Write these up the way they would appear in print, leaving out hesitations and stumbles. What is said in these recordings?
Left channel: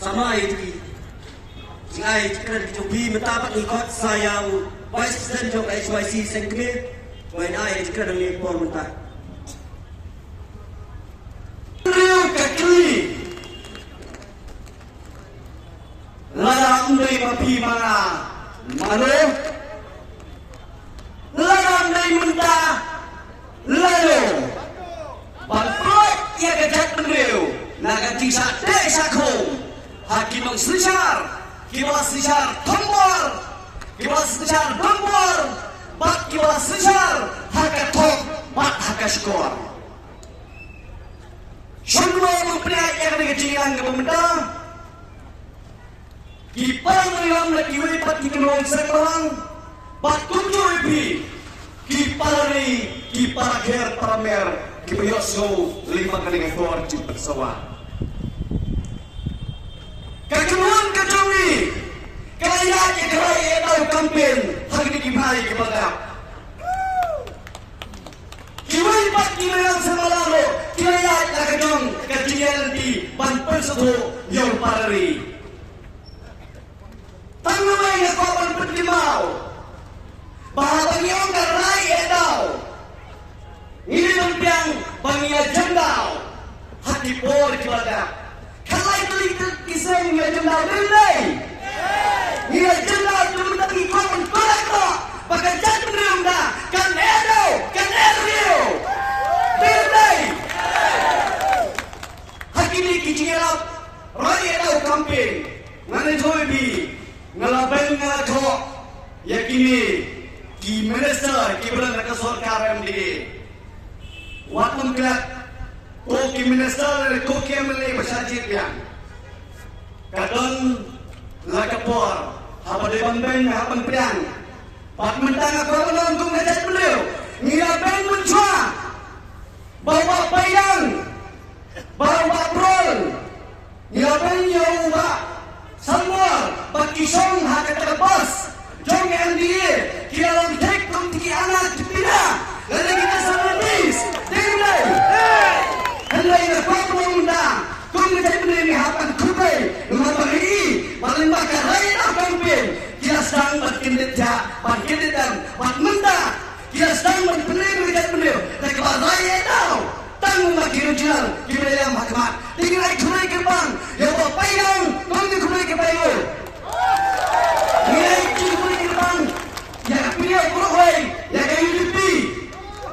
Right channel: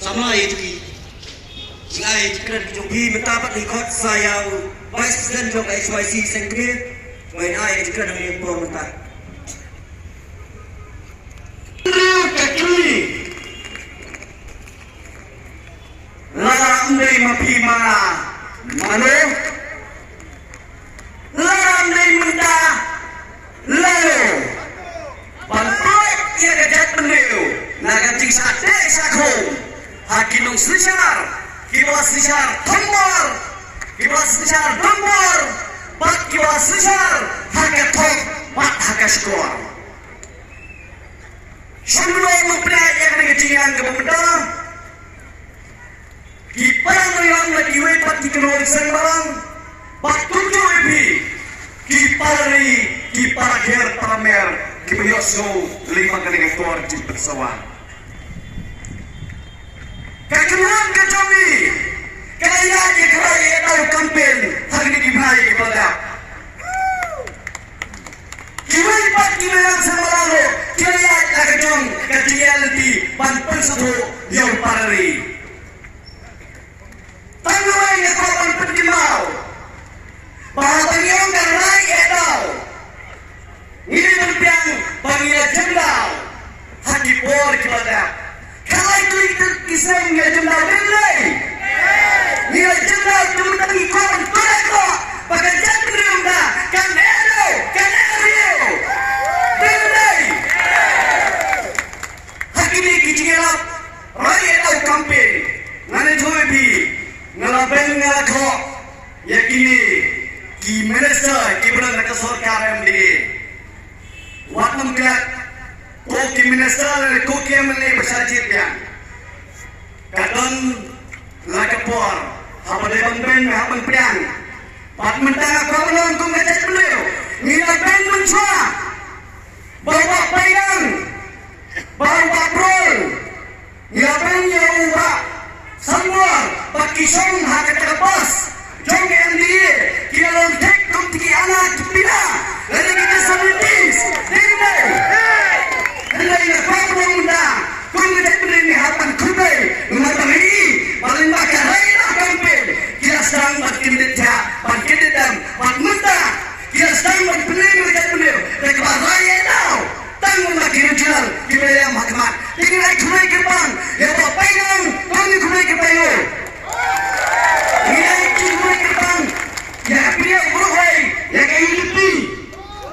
sama itu Jai keren jogi metapat ikut saya Vice President jog HYC Sengkrit Bain ai keren ni pemeta Rio kekli Larang dari mapi mana Malu Larang dari menda Lalu Bantuan ia kejat pendiu Naga jingsa desa kong Hakim ng sisar Kiwas sisar tombor Kiwas sisar tombor Bat kiwas sisar Harga tong Bat harga skor Semua memperlihat yang dikecilan kemudian Kiparang rilang na kiwi pati kenal sembarang Bat tujuh ipi Kipar ger pamer Kiyoso 5 kali ekor di pesawat Kejuan kejomi Kaya ikhrai tahu kampen Hari kimai kepada Kiwai pat kiwai semalam Kaya kajong kejadian di Banpen sebuah yang parari Tanyuan yang kawan pentimau Bahagian yang karai edau Ini berbiang baginya jendal Hati por kepada Kalau itu kisah yang jendal berdai Nilai jendal cuma tadi kawan korekto Pakai jantung riunda Kan edo, kan erio Berdai Hati ini kicirap Raya edau kampen Ngana jowe bi Ngalaben ngakok Yakini Ki minister Kiberang kata sorkar MD Watam berat Koki minister Koki MLA bersajid yang Kadang Lakapor Hapan dibang-bang Hapan priang Pat mentang Korolong kong ngajak beliau Nila bang mencua Bawa payang Bawa prol Nila bang yawa Sambor Bakisong Haka terlepas Jom MDA Kita lontek Kumtiki anak Kepina Lalu kita samitis Tinggal Hendai Ngekwak Undang Kung ngajak beli ni hapan kutai Lumatang ini Paling bakar Raya tak kampen Kita sedang berkinit ja Berkinit dan Bermentah Kita sedang berbeli Ngajak beli Dan keluar raya tau Tanggung makin jenal Kita yang makmat Tinggal kunai gerbang Ya bawa payang Kung ni kunai gerbang Nilai kunai gerbang Ya pilih berway Ya kaya hidupi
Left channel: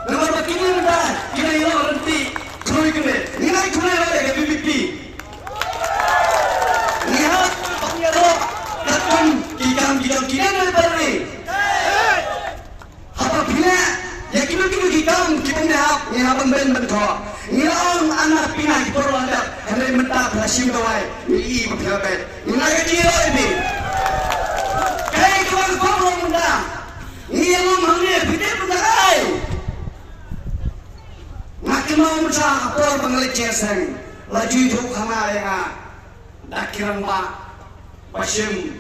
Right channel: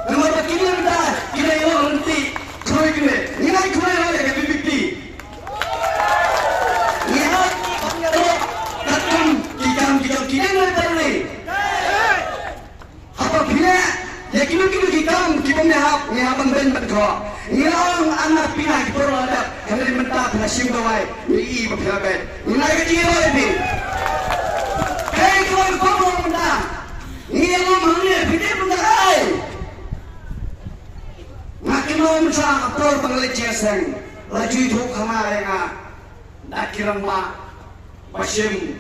Lepas berkini rendah Kita yang berhenti Kunai kunai Nilai kunai raya Ya hidupi Lihat Pengerok Takun Kikam kini dari Apabila Ya kini kikam Kita Nihat pembeli berkok Nilang anak pindah Berlandak Hari mentah Hasim kawai Ni berkabet Nilai kira ini Kaya kewan korong undang Nilang mangnya Bidai berdakai Makin mau mencah Apor pengelik jeseng Lagi duk hana yang Dakiran pak Pasim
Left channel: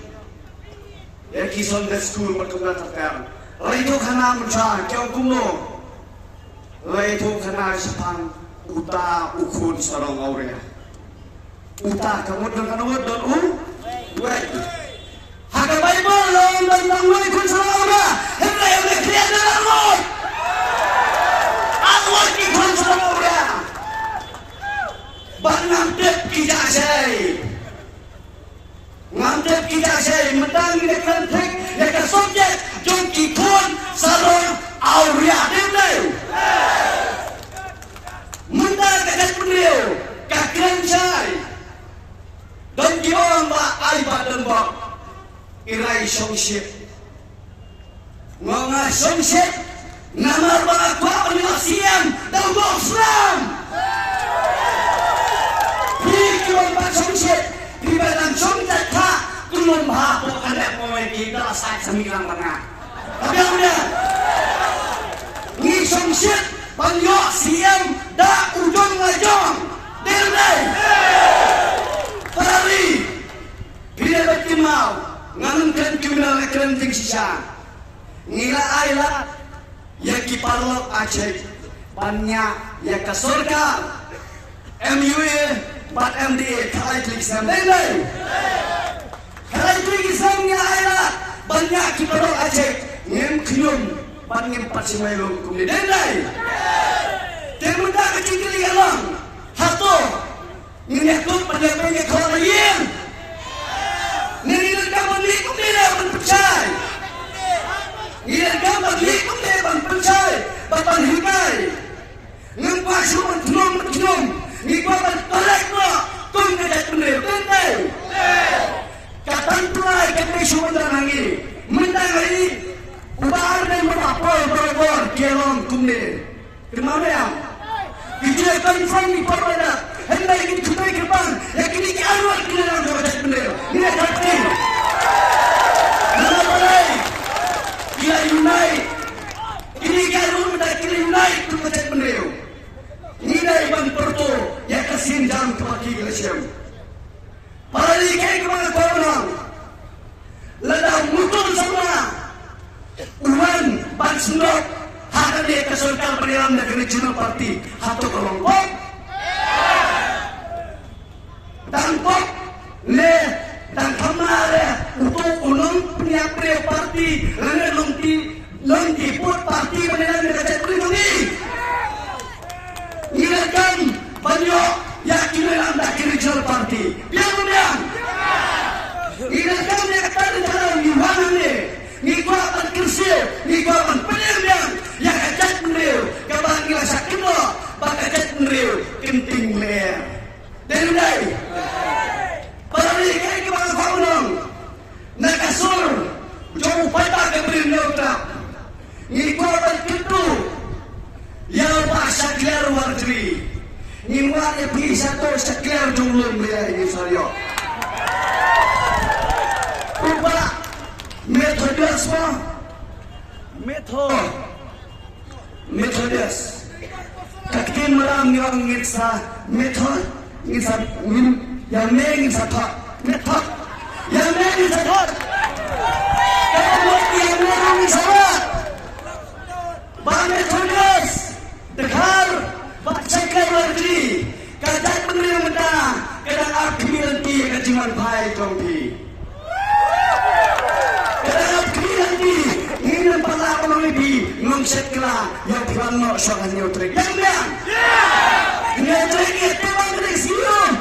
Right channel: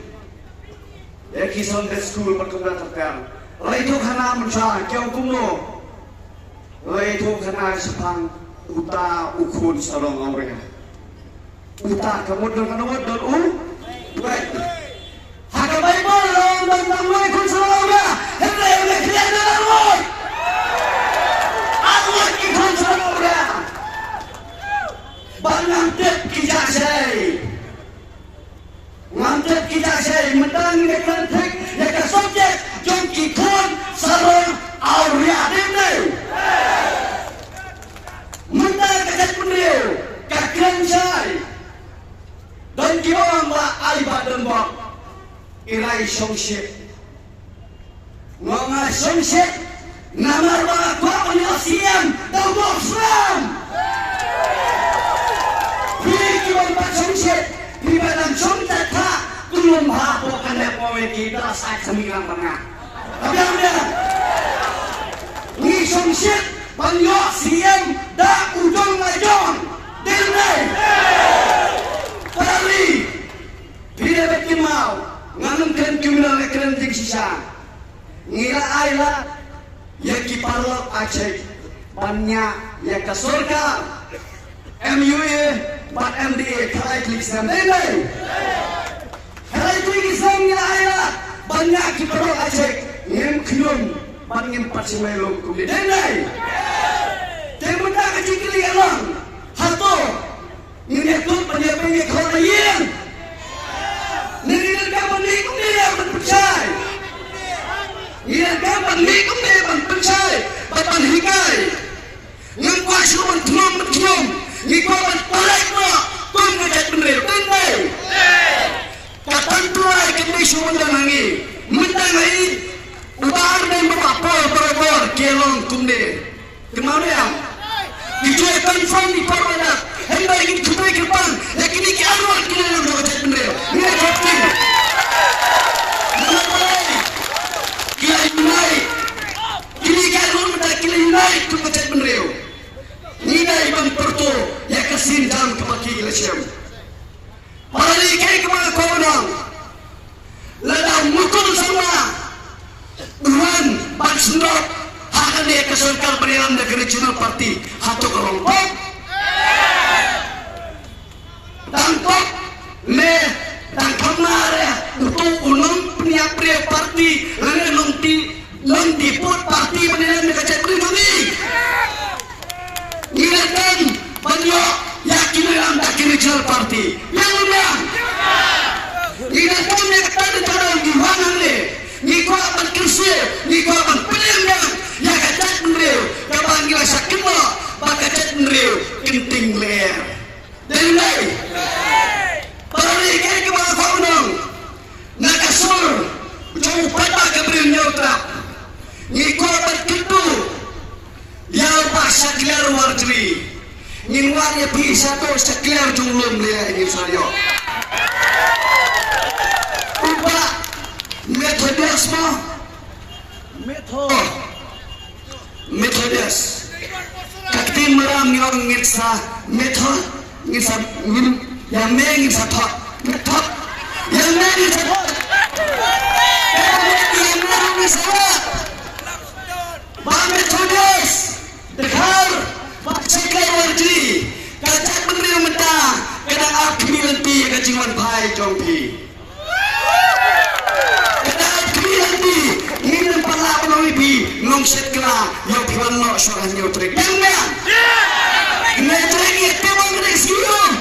Ya kisah dari school Bertugas sekarang Lagi duk hana mencah Jauh kuno Lagi duk hana sepang Uta ukun sarong aurea Uta kemudian Wait Haka Bible Long dan ukun sarong aurea Henry yang kriat dalam Lord Aku ikut sarong aurea Bang ngantep kijak say Ngantep kijak say Mentang nekran tek Nekan subjek Jom kikun sarong aurea Dendai Mentang kacat beliau Kakiran say Dan giwang ba ay badan ba Iray songsit Mga songsit Namar mga kwa Panyasiyan Daw mo Islam Giwang ba songsit Dibalang songsit ka Kunong mahapo Kanday po ay kita Asay sa mingang mga Kabiang niya Ni songsit Panyo siyang Da ujong ngajong Dilday Parali Bila berkimau Nganungkan kiminal Kerenting sisa Ngira ayla Yang kiparlok Aceh Banyak Yang ke surga MUE Pak MDA kalai tulisan nilai. Kalai tulisan ni ayat banyak kita Aceh ngem kilum bangem pasiwelum kumde nilai. Temenda kecil alang hato ini klub penyampainya kalau yang ini dapat likum dia berpercaya. Ia dapat likum dia berpercaya. Bapak hikai ngempah suruh tulung ngikuan tolak mo kung nagtatundil tunday katantuay katay sumundan hangi mendang hari ubaan na yung mapapol baragor kelong tunde kemana yang ijay confirm ni parwadat hari ba ingin kumay kirpan lakini kiarwal kinalang nagtatundil nila kapin nalabalay kila unite kini galon na kila unite kung nagtatundil nila ibang perto yang kesin dalam kaki gelesiam. Para likai kepada kawanang, ladang mutul sama uan bansundok akan dia kesultan Perdana Negeri Nasional Parti atau kelompok tangkap le dan kemana untuk ulung pria parti lengti put parti Perdana Negeri Negeri ingatkan banyak yakin anda Nasional Parti yang undang ingatkan yang tadi terang di mana ni kuatan kursi ni kuatan penyelidikan yang kacak mendriu kebangilan sakit lo bakal mendriu kenting leher dan lain para likai kepada kawan nakasur jauh patah keberin nyautra ni kuatan kitu yang pasal keluar warjri ingwarnya bisa terus keluar jumlum dia ini saya ubah metodias mah metodias kakti meram yang ngitsa metod ngitsa yang ngitsa tak metod yang ngitsa tak yang ngitsa tak bang metodias dekar cakap warji kajak menteri mentah kadang aku nanti kajian pai jompi kadang aku nanti ingin pala penuhi ngomset kela yang piano soal nyutrik enggak nyutrik itu bang resium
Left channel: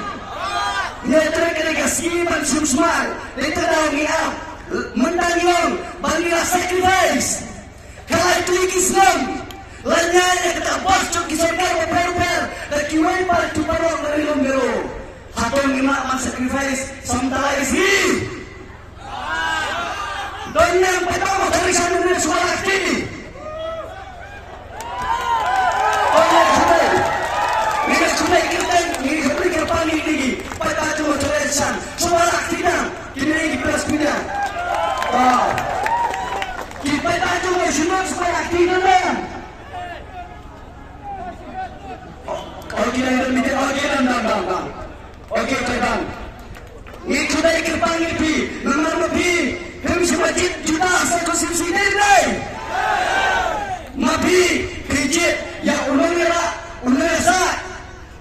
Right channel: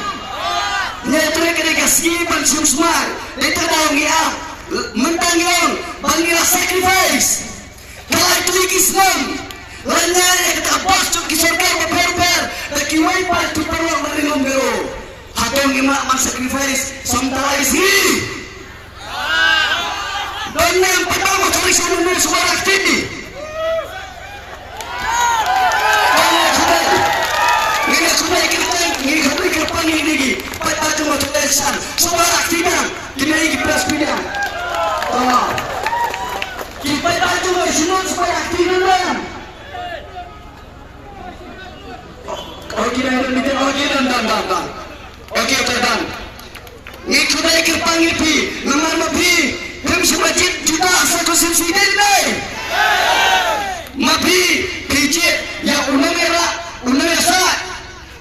nyutrik ini kasih bang susmar itu daun ya mentang yang bangga sacrifice kalau itu Islam lanyanya kita bos cuk kisahkan per dan kiwai par tu parang dari lombero hatong ina ang sacrifice samtala isi donya yang pertama kami sama dengan suara aktivi ini sudah kita panggil lagi pada cuma tulisan suara aktifnya kini kita speednya kita cuma semua suara aktifnya Okey, terbang. Ni sudah dipanggil pi, nama pi, kami semacam juta satu sisi ni. Mapi, kerja, yang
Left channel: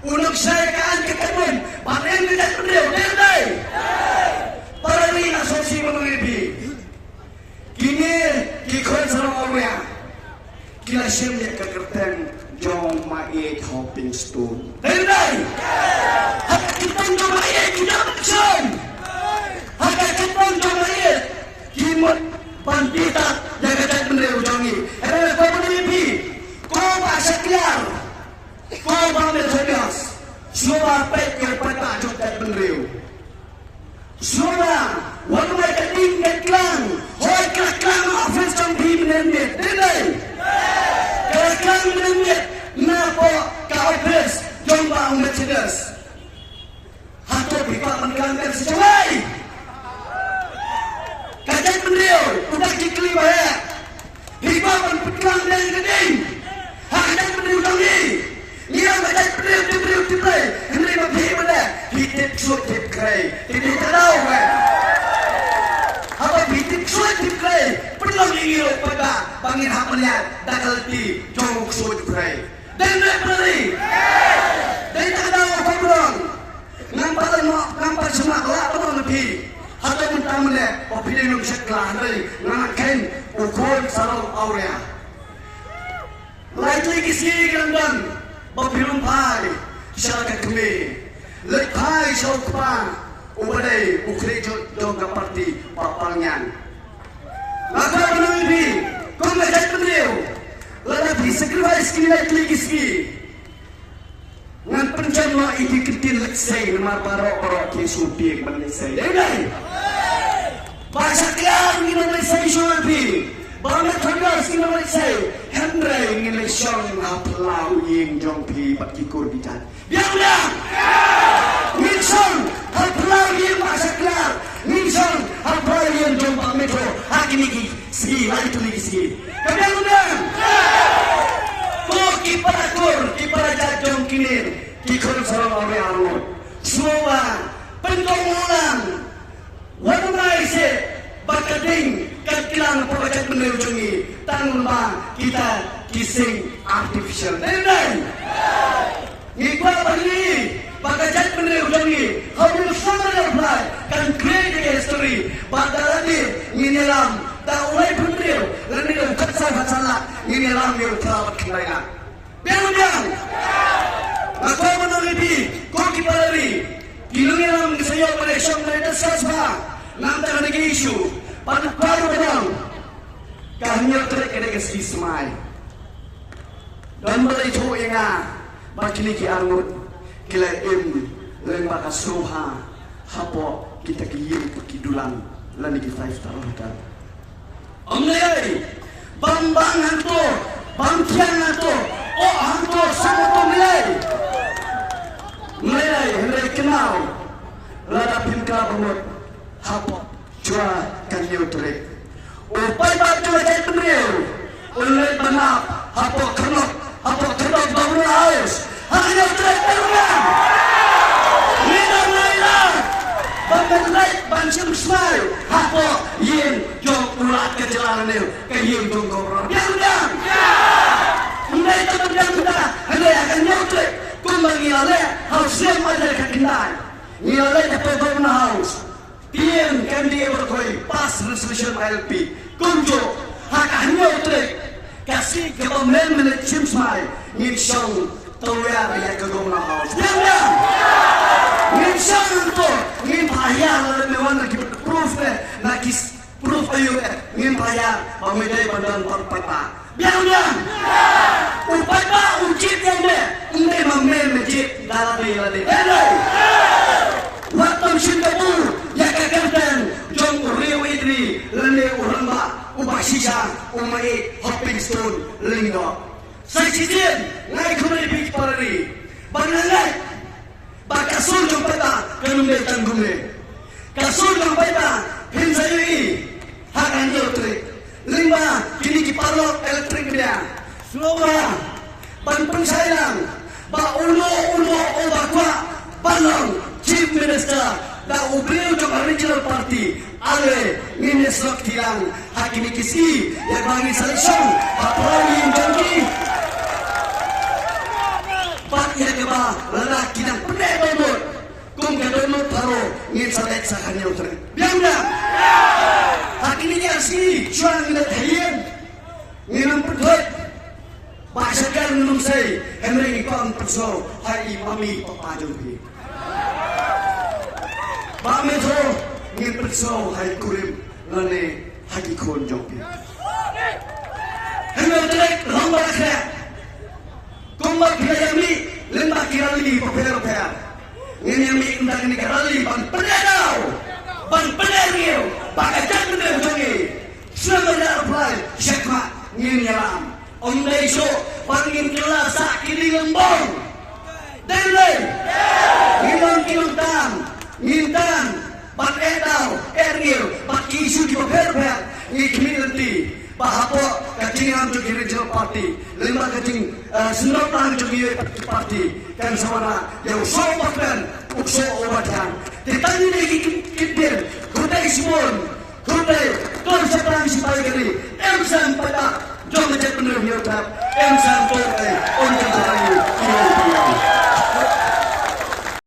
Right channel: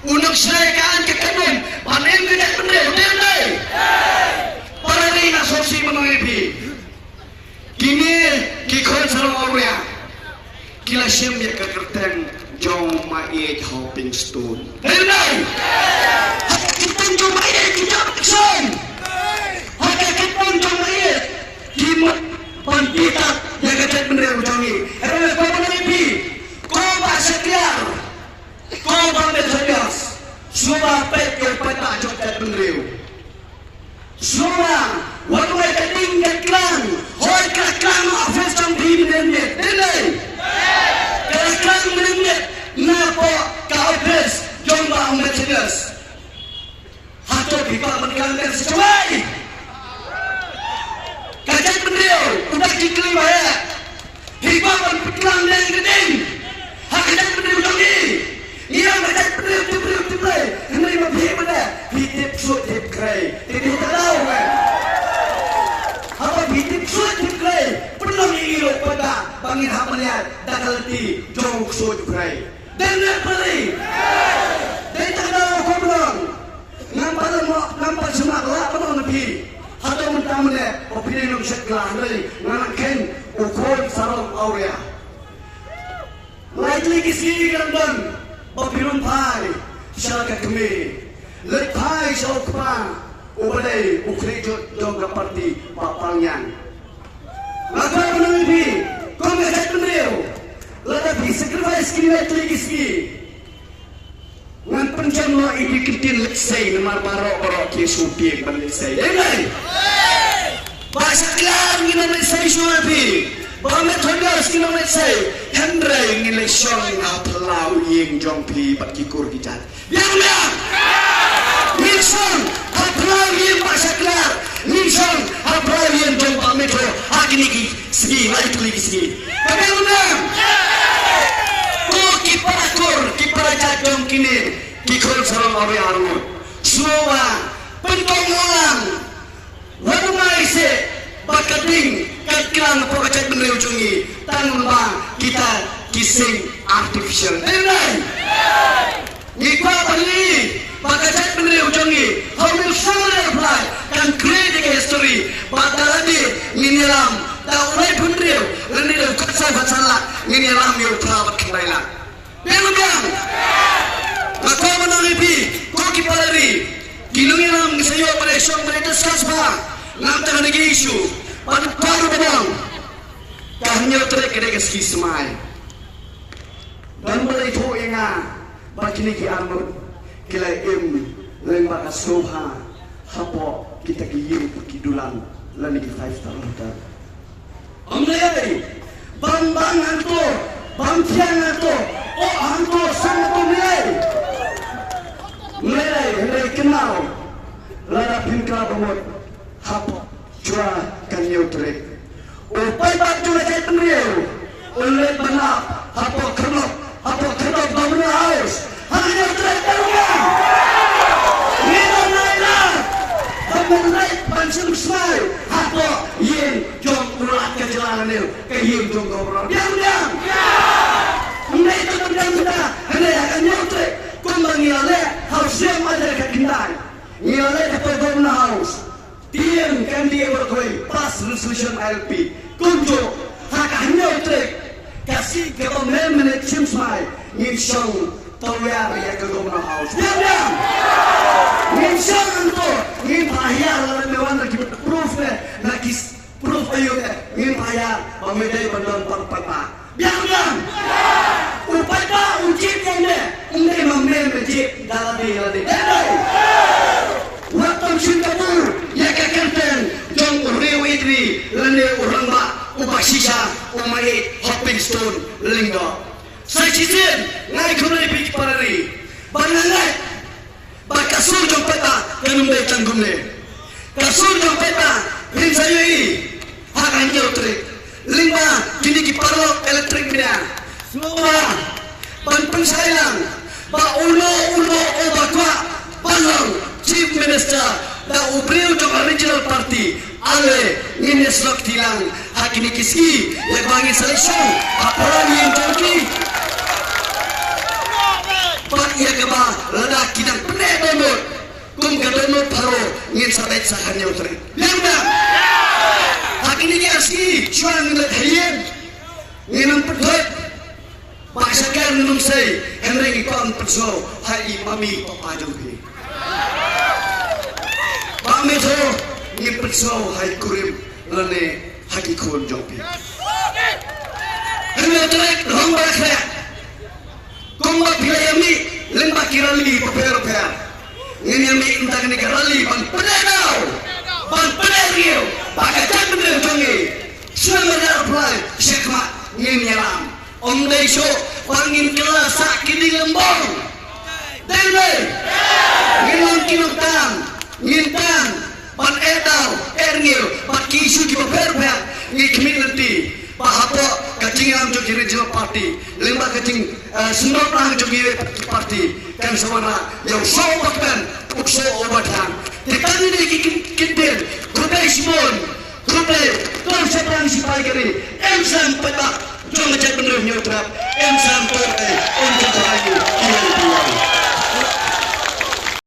unang saya kan kekebun, panen tidak berdiri, berdiri. Para ni asosiasi mengenai pi. Kini kikon sama orang, kila sembilan kekerten. Jom maik hopping stone. Berdiri. Hak kita jom maik tidak berkesan. Hak kita jom maik kimut pandita jaga jaga benda ujangi. Ada apa ni? Kau bahasa kelar. Kau bangsa serius. Semua pet yang peta jaga jaga benda. Semua warna keting kelang. Hoi kelang office jom di benda. Berdiri. Kelang menengit napa kaopres jombang Mercedes hato pipa mengelangkan sesuai kajak beliau udah dikelima ya pipa mengelang dan gedeng kajak beliau lagi ia kajak beliau tiba ini mati pada hitip suit tip kray tidak tahu kan apa hitip suit tip kray perlu ingin pada bangin hapanya dakal di jong suit kray dan beri dan tahu kurang nampak semak lato lebih. Hati mentamune, opini nung seklah dari nganakin ukol sarang aurea. Likely kisi gandan, babirum pai, syarakat kami. Lekai syaupan, ubadai ukrejo dong parti papangyan. Maka lebih, kau ngajak beliau, lebih sacrifice kini likely kisi. Ngan penjama ini kecil leksai dengan para kesupi berleksai. Ini, bahasa kelar ingin leksai suapi. Bahasa tegas ingin leksai. Hendra ingin leksai apalau yang jompi bakikur kita. Biarlah. Wilson apalau yang bahasa kelar. Wilson apalau yang jompa metro. Hakini segi, lagi lagi segi. Kemudian. Kipada jadong kini kikol sarang orang aru semua pentongolan wadumai se bakating katilang pokacat bener ujungi tanpa kita kising artificial dan ngikwa bali bakacat bener ujungi how will summary apply kan create history bakaladi nginilam taulai bener lendir kaksa bacalah nginilam yo prawat kailan Biarkan. Aku menolak kau kipalari. Kilungin ang sayo eleksyon mereka sasma. Nampak lagi isu. Pada paru pedang. Kahnya terkena skismai. Dan mulai itu ingat. Bagi ni anut kila lembaga soha. Hapo kita kiyu kidulang lani di 5 tahun. Amlay. Bang to. Bangkian to. Oh, hantu sangat mulai mulai kenal ladap hingga umur hapok cua kanyu terik upai baju jadi beliau oleh benar hapok kenok bangun haus hanya terik terugan minum lelah Bambelai pancing smile hapok yin jom ulah kejelangan itu kayu tunggu biang Mulai terbilang kita, ada yang nyautek, kembali oleh haus yang ada kekenaan. Ini oleh kepada haus. Tiang kan dia berkoi pas resolution LP. Kunjuk hak nyautek kasih ke pemain meneksim smai. Nisong tawar ya ke rumah haus. Jangan. Nisong itu ni payah lalu mewan lagi proof nakis proof ayuh ni payah pemedai bandar perpeta. Biang. Upaya ujian ini memang ujian dalam diri. Waktu Singapura yang kekaitan jom rewi ini lene orang ba ubah sisa umai hopping stone lingga. Sekian naik kembali pergi parari. Banyak bakasul jom peta kelumbai tanggungne. Kasul jom peta rinsayui akan jauh lima kini kiparlo elektrik dia. Semua bantu sayang, ulo bakwa panang chief minister da ubril ke regional party ale ini slok tilang hakini kisi yang bangi selection apalagi yang jangki pak ya keba lelaki dan pendek bangun kum kedonot paro ingin sampai sahannya utri yang dah hakini kisi cuan minat harian ingin pergi Paksakan minum saya, henry ikon perso hari mami papajong ini. Mami tu ni perso hari kurim lane hari kun jompi. Henry jelek lomba kerja, kumbat biaya ni lima kirali per. Ini yang ni indah ni kirali ban penegau, pakai jangan berjongi. Semua apply sekma ni nyalam. Om Daiso pangin kelas sakit di lembong. Dengar. Ngintang, pan edal, ergil, pan kisu juga berber. Ngikmilti, pahapo kecingan juga regional party, lima kecing sendok lang juga party. Kan semua yang sopakan, ukso obatan. Ditanya lagi kintil, kudai simon, kudai, tuan sepang si baikri, emsan petak. Jom ngecek bener nyerap, emsan torte, untuk lagi,